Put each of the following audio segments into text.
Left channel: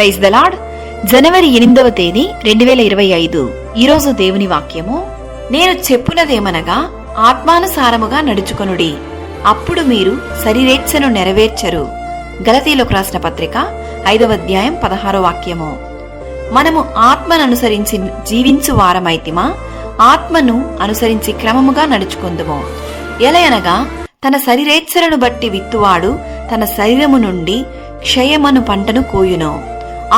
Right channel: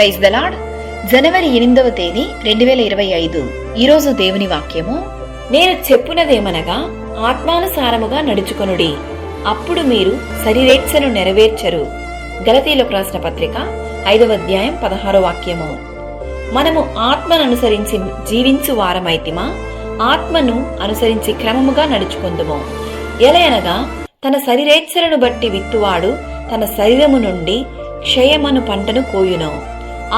Praise the lord. జనవరి 8వ తేదీ 2025. ఈరోజు దేవుని వాక్యము, నేను చెప్పునదేమనగా ఆత్మానుసారముగా నడుచుకొనుడి, అప్పుడు మీరు శరీరేచ్ఛను నెరవేర్చరు. గలతీయులకు రాసిన పత్రిక 5వ అధ్యాయం 16వ వాక్యము. మనము ఆత్మను అనుసరించి జీవించు వారమైతిమా, ఆత్మను అనుసరించి క్రమముగా నడుచుకొందుము. ఎలయనగా తన శరీరేచ్ఛలను బట్టి విత్తువాడు తన శరీరము నుండి క్షయమను పంటను కోయును,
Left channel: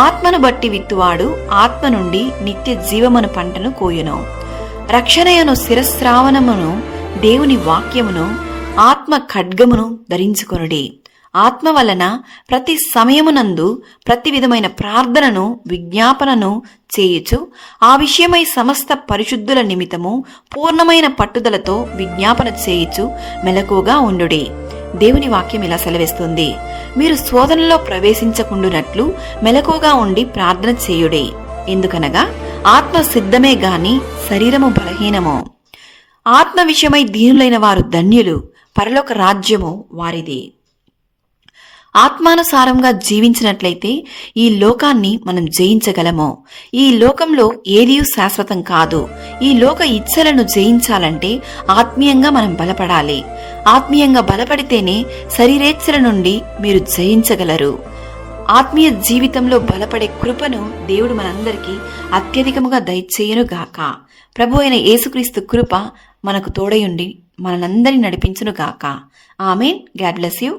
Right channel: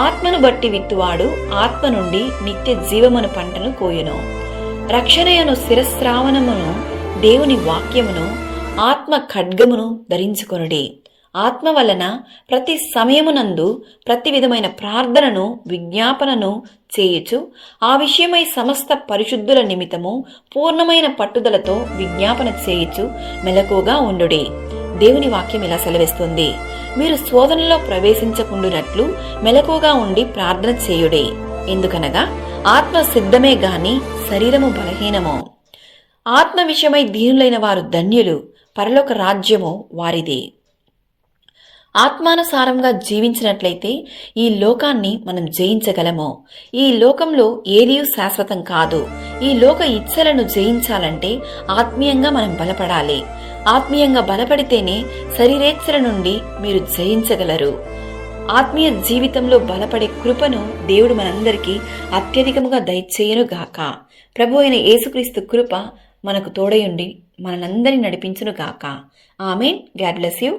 ఆత్మను బట్టి విత్తువాడు ఆత్మ నుండి నిత్య జీవమను పంటను కోయును. రక్షణయను శిరస్రావణమును దేవుని వాక్యమును ఆత్మ ఖడ్గమును ధరించుకొనుడి. ఆత్మ వలన ప్రతి సమయమునందు ప్రతి విధమైన ప్రార్థనను విజ్ఞాపనను చేయుచు ఆ విషయమై సమస్త పరిశుద్ధుల నిమిత్తము పూర్ణమైన పట్టుదలతో విజ్ఞాపన చేయుచు మెలకువగా ఉండుడి. దేవుని వాక్యం ఇలా సెలవిస్తుంది, మీరు శోధనలో ప్రవేశించకుండునట్లు మెలకువగా ఉండి ప్రార్థన చేయుడే. ఎందుకనగా ఆత్మ సిద్ధమే గాని శరీరము బలహీనము. ఆత్మ విషయమై దీనులైన వారు ధన్యులు, పరలోక రాజ్యము వారిది. ఆత్మానుసారంగా జీవించినట్లయితే ఈ లోకాన్ని మనం జయించగలము. ఈ లోకంలో ఏదీ శాశ్వతం కాదు. ఈ లోక ఇచ్చలను జయించాలంటే ఆత్మీయంగా మనం బలపడాలి. ఆత్మీయంగా బలపడితేనే శరీరేచ్ఛల నుండి మీరు జయించగలరు. ఆత్మీయ జీవితంలో బలపడే కృపను దేవుడు మనందరికీ అత్యధికముగా దయచేయును గాక. ప్రభు అయిన యేసుక్రీస్తు కృప మనకు తోడయుండి మనందరినీ నడిపించును గాక. ఆమేన్. God bless you.